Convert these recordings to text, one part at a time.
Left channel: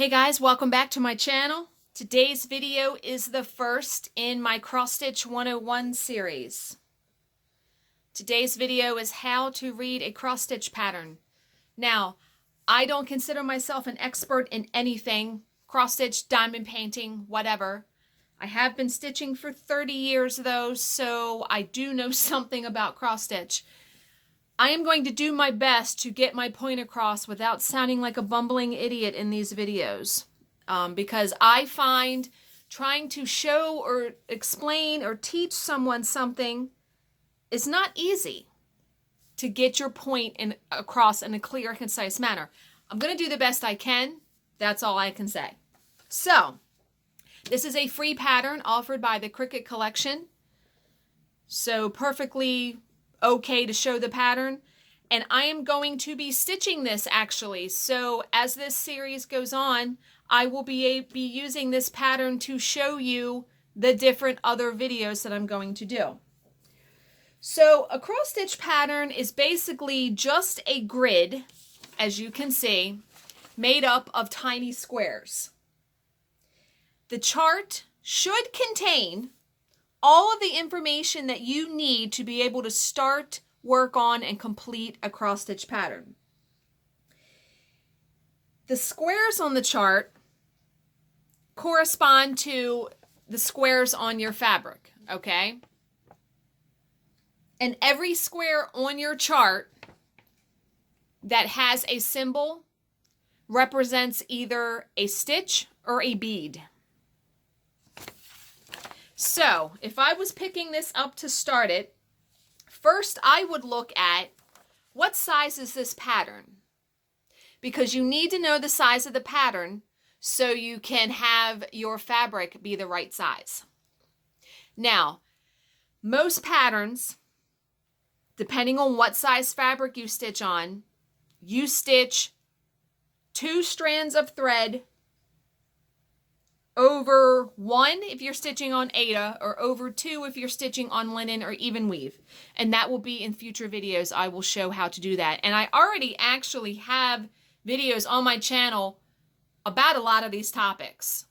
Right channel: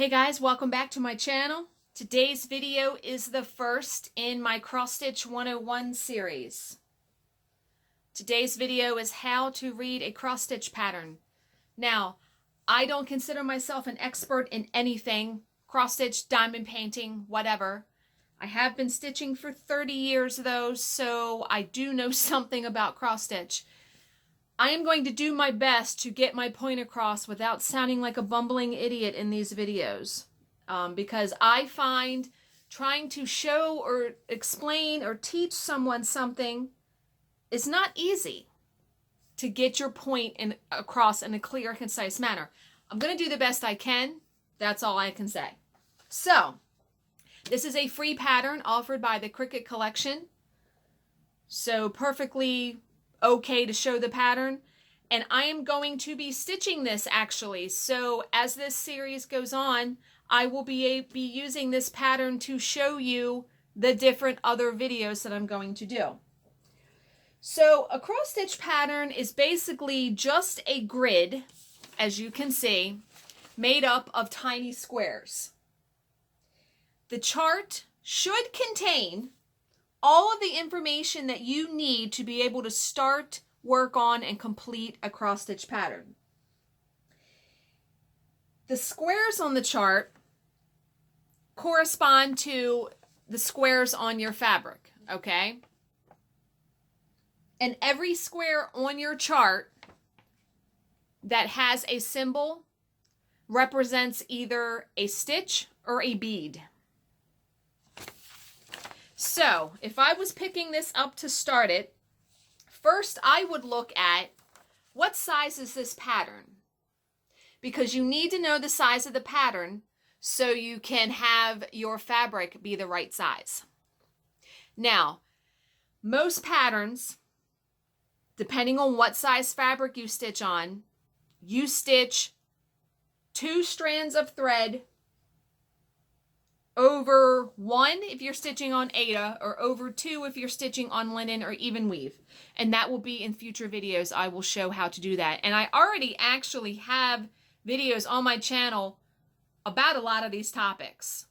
Hey guys, welcome back to my channel. Today's video is the first in my Cross Stitch 101 series. Today's video is how to read a cross stitch pattern. Now, I don't consider myself an expert in anything, cross stitch, diamond painting, whatever. I have been stitching for 30 years though, so I do know something about cross stitch. I am going to do my best to get my point across without sounding like a bumbling idiot in these videos. Because I find trying to show or explain or teach someone something is not easy to get your point across in a clear, concise manner. I'm going to do the best I can. That's all I can say. So, this is a free pattern offered by the Cricut Collection. So, perfectly okay to show the pattern, and I am going to be stitching this actually. So as this series goes on, I will be using this pattern to show you the different other videos that I'm going to do. So a cross stitch pattern is basically just a grid, as you can see, made up of tiny squares. The chart should contain all of the information that you need to be able to start, work on, and complete a cross stitch pattern. The squares on the chart correspond to the squares on your fabric, okay? And every square on your chart that has a symbol represents either a stitch or a bead. So, if I was picking this up to start it, first I would look at what size is this pattern? Because you need to know the size of the pattern so you can have your fabric be the right size. Now, most patterns, depending on what size fabric you stitch on, you stitch 2 strands of thread over 1 if you're stitching on Aida, or over 2 if you're stitching on linen or even weave. And that will be in future videos. I will show how to do that. And I already actually have videos on my channel about a lot of these topics.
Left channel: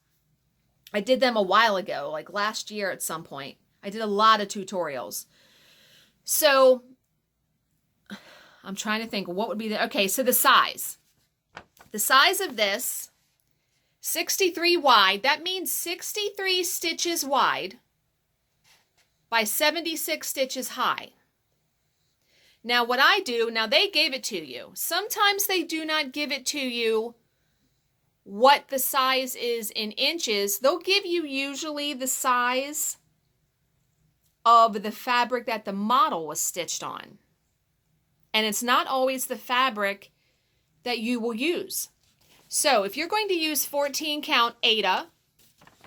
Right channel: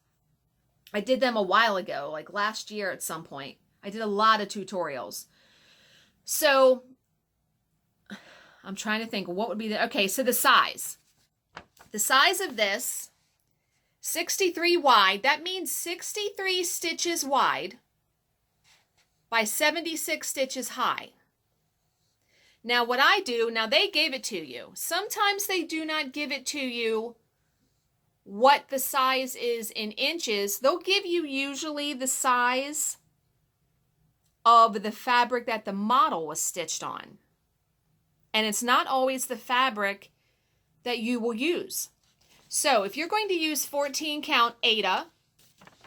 I did them a while ago, like last year at some point. I did a lot of tutorials. So I'm trying to think what would be the, okay, so the size. The size of this, 63 wide, that means 63 stitches wide by 76 stitches high. Now what I do, now they gave it to you. Sometimes they do not give it to you what the size is in inches. They'll give you usually the size of the fabric that the model was stitched on. And it's not always the fabric that you will use. So if you're going to use 14 count Aida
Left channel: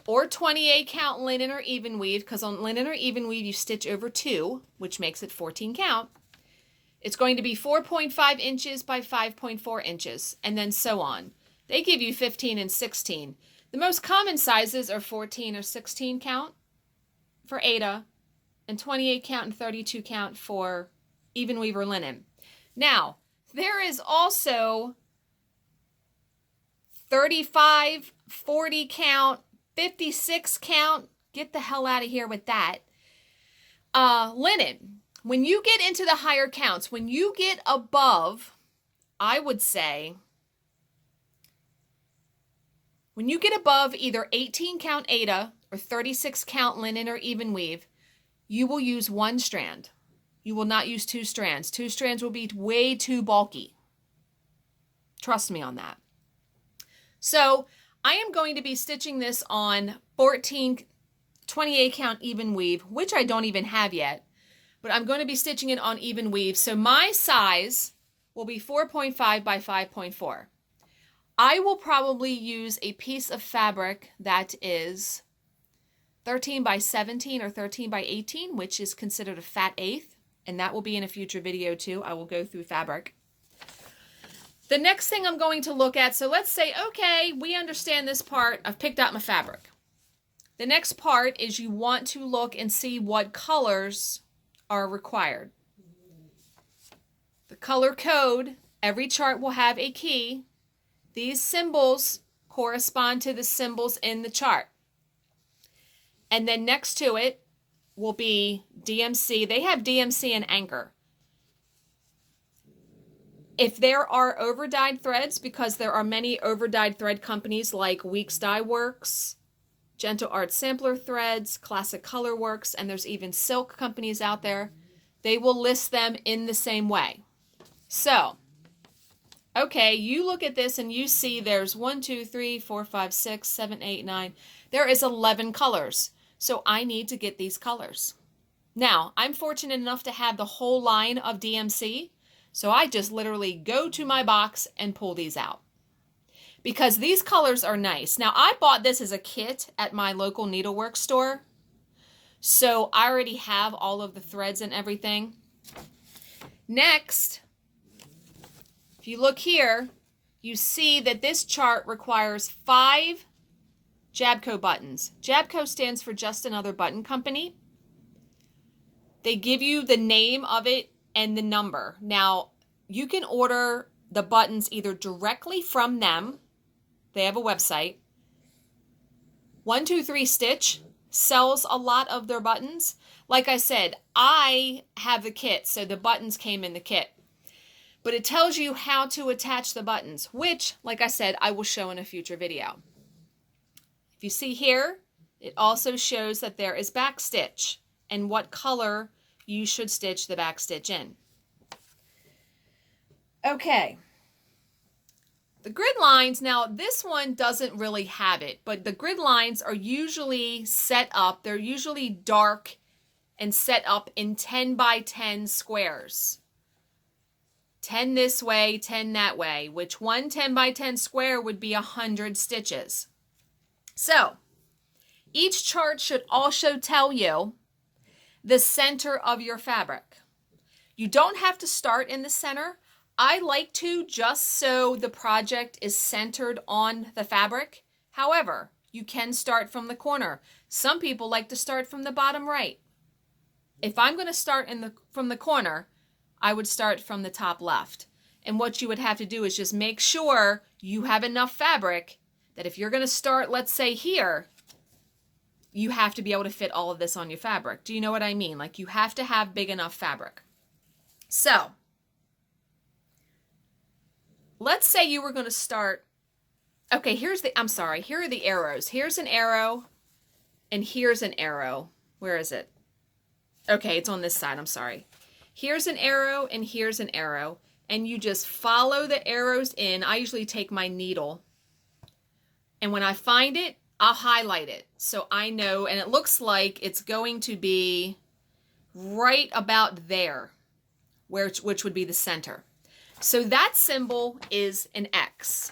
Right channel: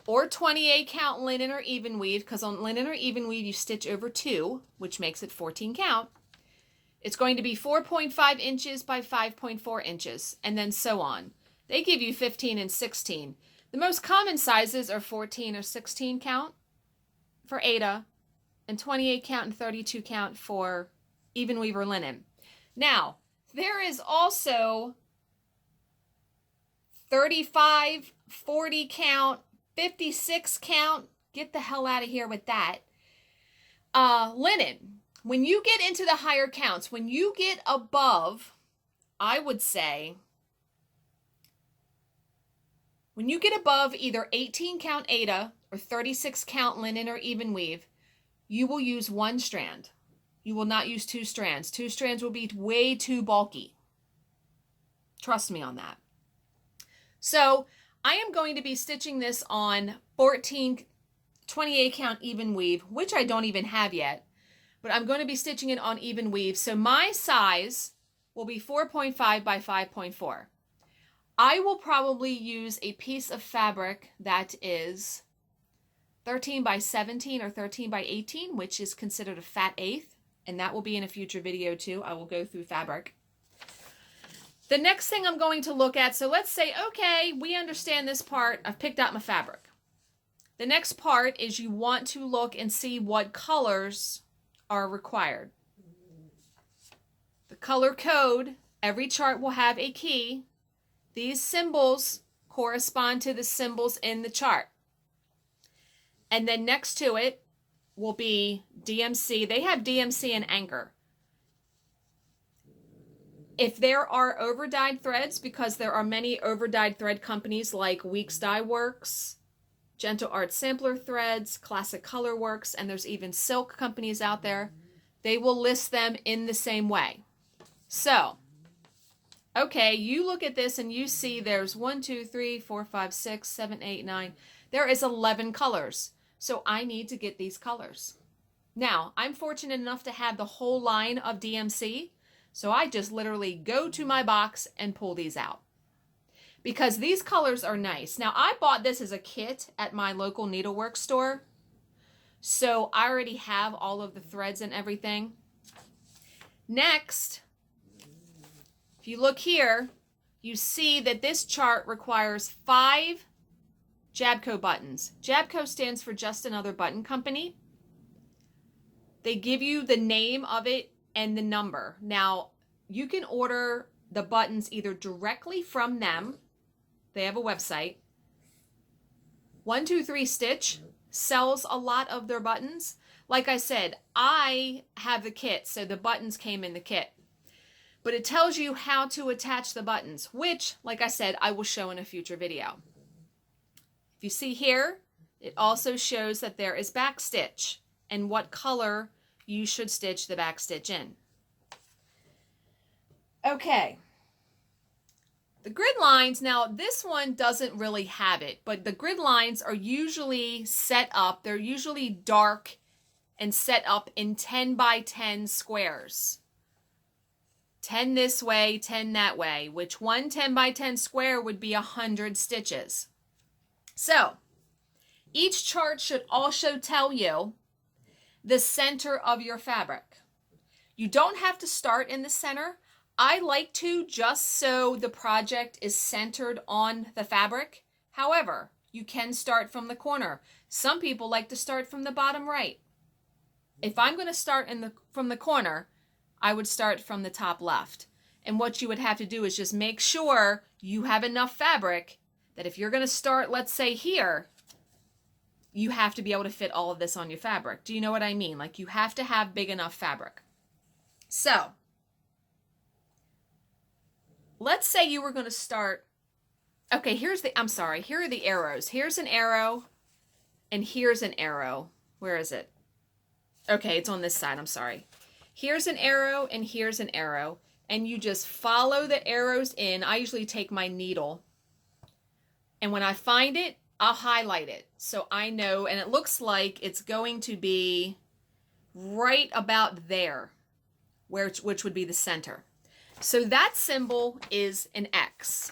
or 28 count linen or even weave, because on linen or even weave you stitch over 2, which makes it 14 count, it's going to be 4.5 inches by 5.4 inches, and then so on. They give you 15 and 16. The most common sizes are 14 or 16 count for Aida, and 28 count and 32 count for even weave or linen. Now, there is also 35, 40 count, 56 count. Get the hell out of here with that. Linen. When you get into the higher counts, when you get above, I would say, when you get above either 18 count Aida or 36 count linen or even weave, you will use 1 strand. You will not use 2 strands. 2 strands will be way too bulky. Trust me on that. So I am going to be stitching this on 28 count even weave, which I don't even have yet, but I'm going to be stitching it on even weave. So my size will be 4.5 by 5.4. I will probably use a piece of fabric that is 13 by 17 or 13 by 18, which is considered a fat eighth, and that will be in a future video too. I will go through fabric. The next thing I'm going to look at, so let's say, okay, we understand this part. I've picked out my fabric. The next part is you want to look and see what colors are required. The color code, every chart will have a key. These symbols correspond to the symbols in the chart. And then next to it will be DMC. They have DMC and anchor. If there are over-dyed threads, because there are many over-dyed thread companies like Weeks Dye Works, Gentle Art Sampler Threads, Classic Color Works, and there's even silk companies out there, they will list them in the same way. So, okay, you look at this and you see there's 1, 2, 3, 4, 5, 6, 7, 8, 9. There is 11 colors. So I need to get these colors. Now, I'm fortunate enough to have the whole line of DMC. So I just literally go to my box and pull these out. Because these colors are nice. Now, I bought this as a kit at my local needlework store. So I already have all of the threads and everything. Next, if you look here, you see that this chart requires 5 Jabco buttons. Jabco stands for Just Another Button Company. They give you the name of it and the number. Now, you can order the buttons either directly from them. They have a website. 123 Stitch sells a lot of their buttons. Like I said, I have the kit, so the buttons came in the kit. But it tells you how to attach the buttons, which, like I said, I will show in a future video. If you see here, it also shows that there is back stitch and what color you should stitch the back stitch in. Okay. The grid lines, now this one doesn't really have it, but the grid lines are usually set up, they're usually dark and set up in 10 by 10 squares. 10 this way, 10 that way, which one 10 by 10 square would be 100 stitches. So, each chart should also tell you the center of your fabric. You don't have to start in the center. I like to, just so the project is centered on the fabric. However, you can start from the corner. Some people like to start from the bottom right. If I'm going to start from the corner, I would start from the top left. And what you would have to do is just make sure you have enough fabric that if you're going to start, let's say here, you have to be able to fit all of this on your fabric. Do you know what I mean? Like, you have to have big enough fabric. So, let's say you were going to start, okay, here are the arrows. Here's an arrow, and here's an arrow. Where is it? Okay, it's on this side, I'm sorry. Here's an arrow, and here's an arrow, and you just follow the arrows in. I usually take my needle, and when I find it, I'll highlight it so I know, and it looks like it's going to be right about there, which would be the center. So that symbol is an X.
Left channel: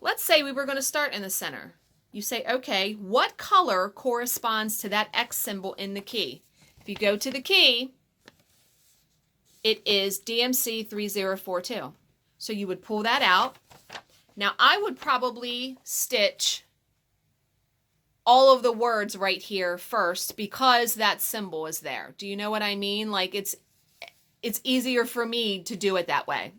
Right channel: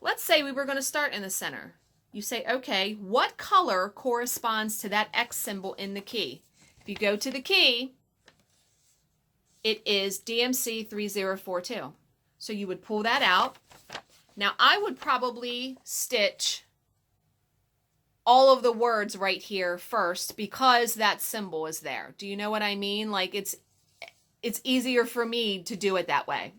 Let's say we were going to start in the center. You say, okay, what color corresponds to that X symbol in the key? If you go to the key, it is DMC 3042. So you would pull that out. Now I would probably stitch all of the words right here first because that symbol is there. Do you know what I mean? Like, it's easier for me to do it that way.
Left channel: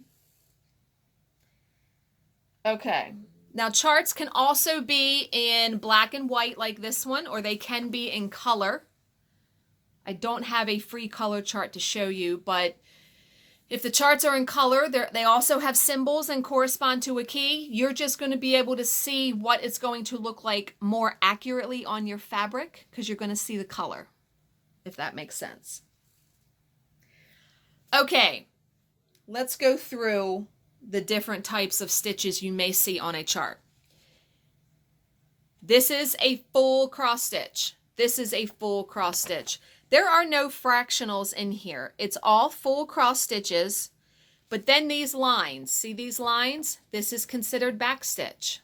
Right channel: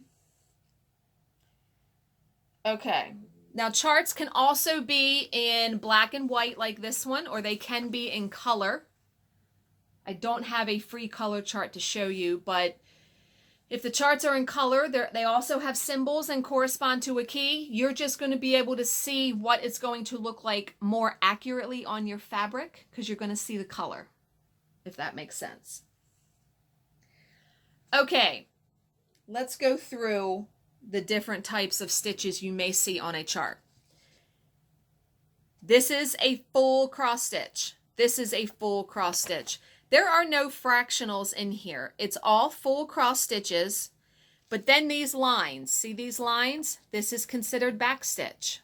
Okay. Now charts can also be in black and white like this one, or they can be in color. I don't have a free color chart to show you, but if the charts are in color, they also have symbols and correspond to a key. You're just going to be able to see what it's going to look like more accurately on your fabric because you're going to see the color, if that makes sense. Okay, let's go through the different types of stitches you may see on a chart. This is a full cross stitch. This is a full cross stitch. There are no fractionals in here. It's all full cross stitches, but then these lines, see these lines? This is considered back stitch.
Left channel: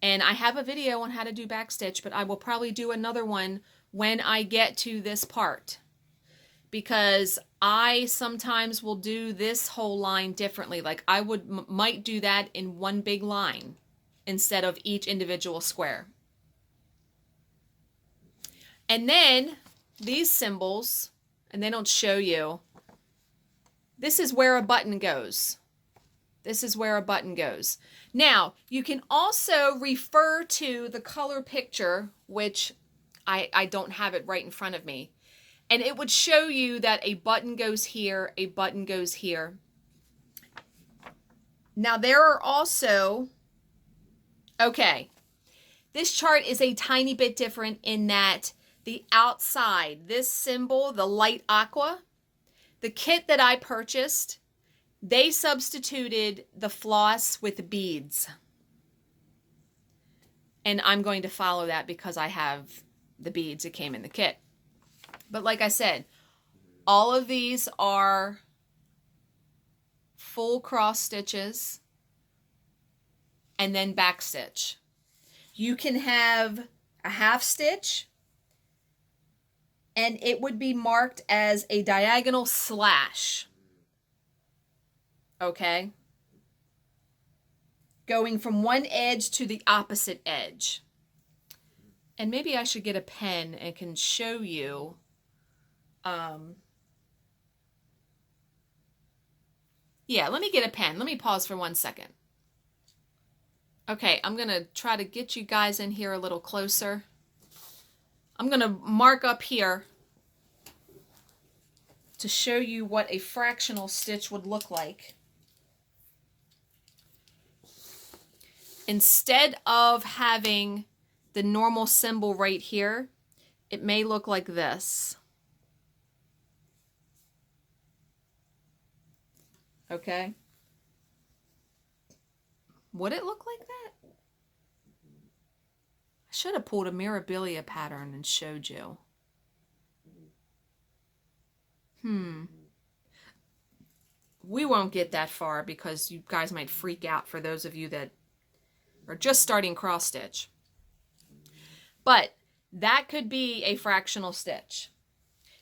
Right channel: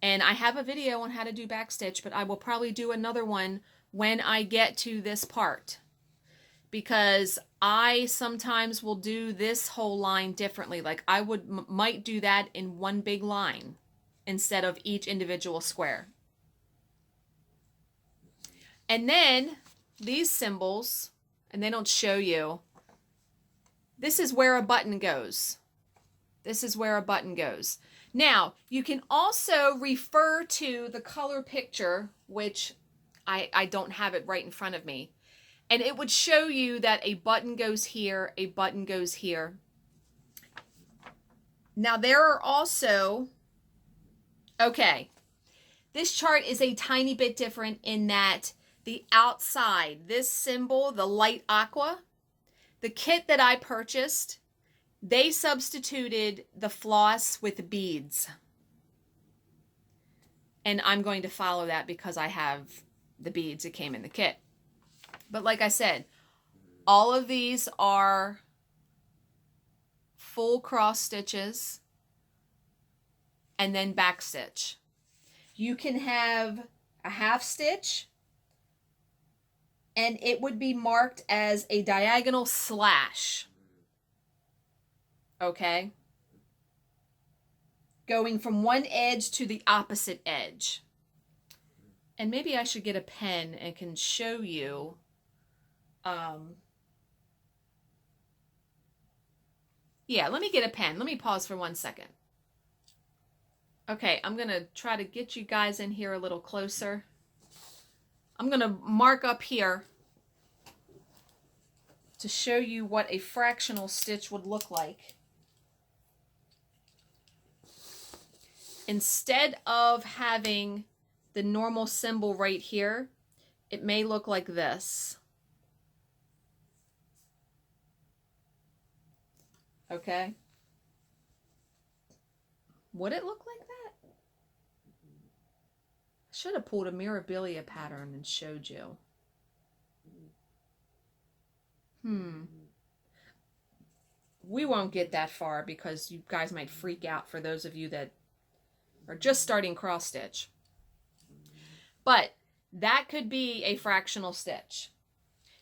And I have a video on how to do back stitch, but I will probably do another one when I get to this part, because I sometimes will do this whole line differently. Like I might do that in one big line instead of each individual square. And then these symbols, and they don't show you, this is where a button goes. This is where a button goes. Now, you can also refer to the color picture, which I don't have it right in front of me. And it would show you that a button goes here, a button goes here. Now, there are also, okay, this chart is a tiny bit different in that the outside, this symbol, the light aqua, the kit that I purchased, they substituted the floss with beads. And I'm going to follow that because I have the beads that came in the kit. But like I said, all of these are full cross stitches and then back stitch. You can have a half stitch and it would be marked as a diagonal slash. Okay? Going from one edge to the opposite edge. And maybe I should get a pen and can show you. Yeah, let me get a pen. Let me pause for 1 second. Okay, I'm going to try to get you guys in here a little closer. I'm going to mark up here to show you what a fractional stitch would look like. Instead of having the normal symbol right here, it may look like this. Okay? Would it look like that? I should have pulled a Mirabilia pattern and showed you. We won't get that far because you guys might freak out for those of you that are just starting cross stitch. But that could be a fractional stitch.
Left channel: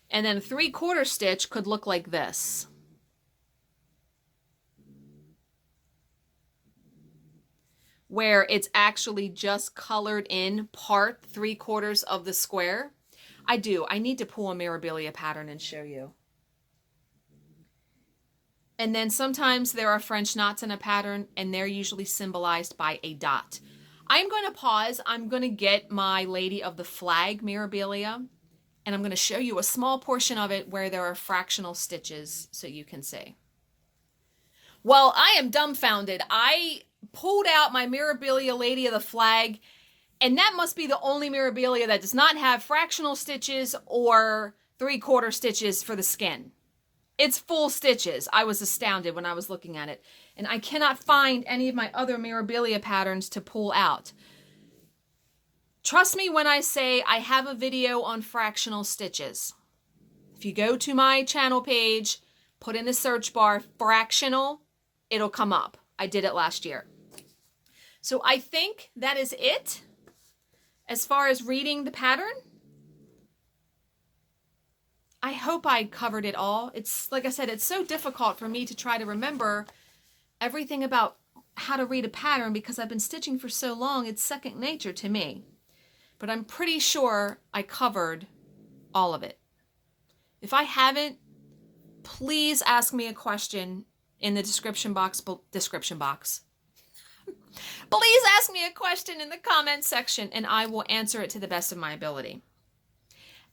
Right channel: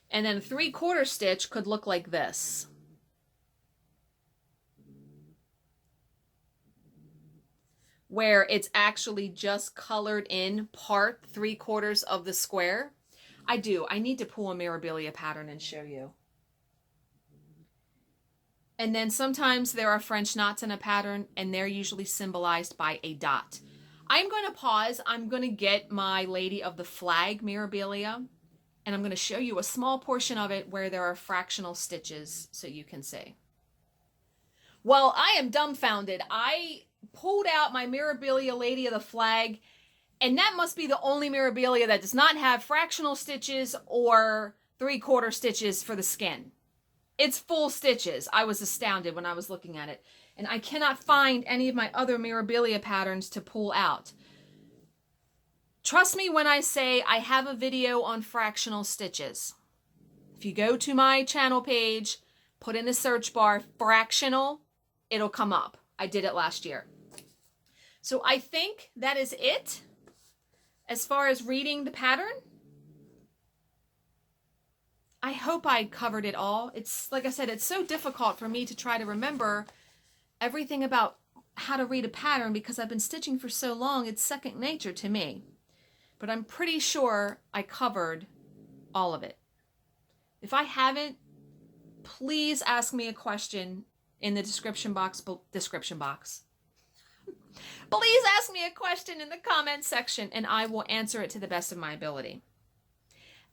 And then 3/4 stitch could look like this. Where it's actually just colored in part 3/4 of the square. I need to pull a Mirabilia pattern and show you. And then sometimes there are French knots in a pattern and they're usually symbolized by a dot. I'm going to pause. I'm going to get my Lady of the Flag Mirabilia and I'm going to show you a small portion of it where there are fractional stitches so you can see. Well, I am dumbfounded. I pulled out my Mirabilia Lady of the Flag, and that must be the only Mirabilia that does not have fractional stitches or 3/4 stitches for the skin. It's full stitches. I was astounded when I was looking at it, and I cannot find any of my other Mirabilia patterns to pull out. Trust me when I say I have a video on fractional stitches. If you go to my channel page, put in the search bar fractional, it'll come up. I did it last year. So I think that is it as far as reading the pattern. I hope I covered it all. It's, like I said, it's so difficult for me to try to remember everything about how to read a pattern because I've been stitching for so long, it's second nature to me. But I'm pretty sure I covered all of it. If I haven't, please ask me a question in the description box. Please ask me a question in the comment section and I will answer it to the best of my ability.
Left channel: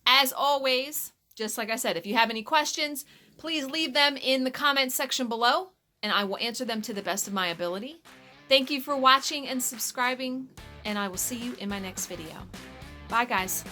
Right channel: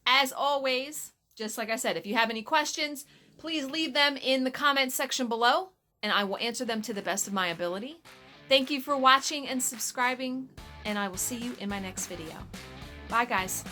As always, just like I said, if you have any questions, please leave them in the comment section below and I will answer them to the best of my ability. Thank you for watching and subscribing, and I will see you in my next video. Bye, guys.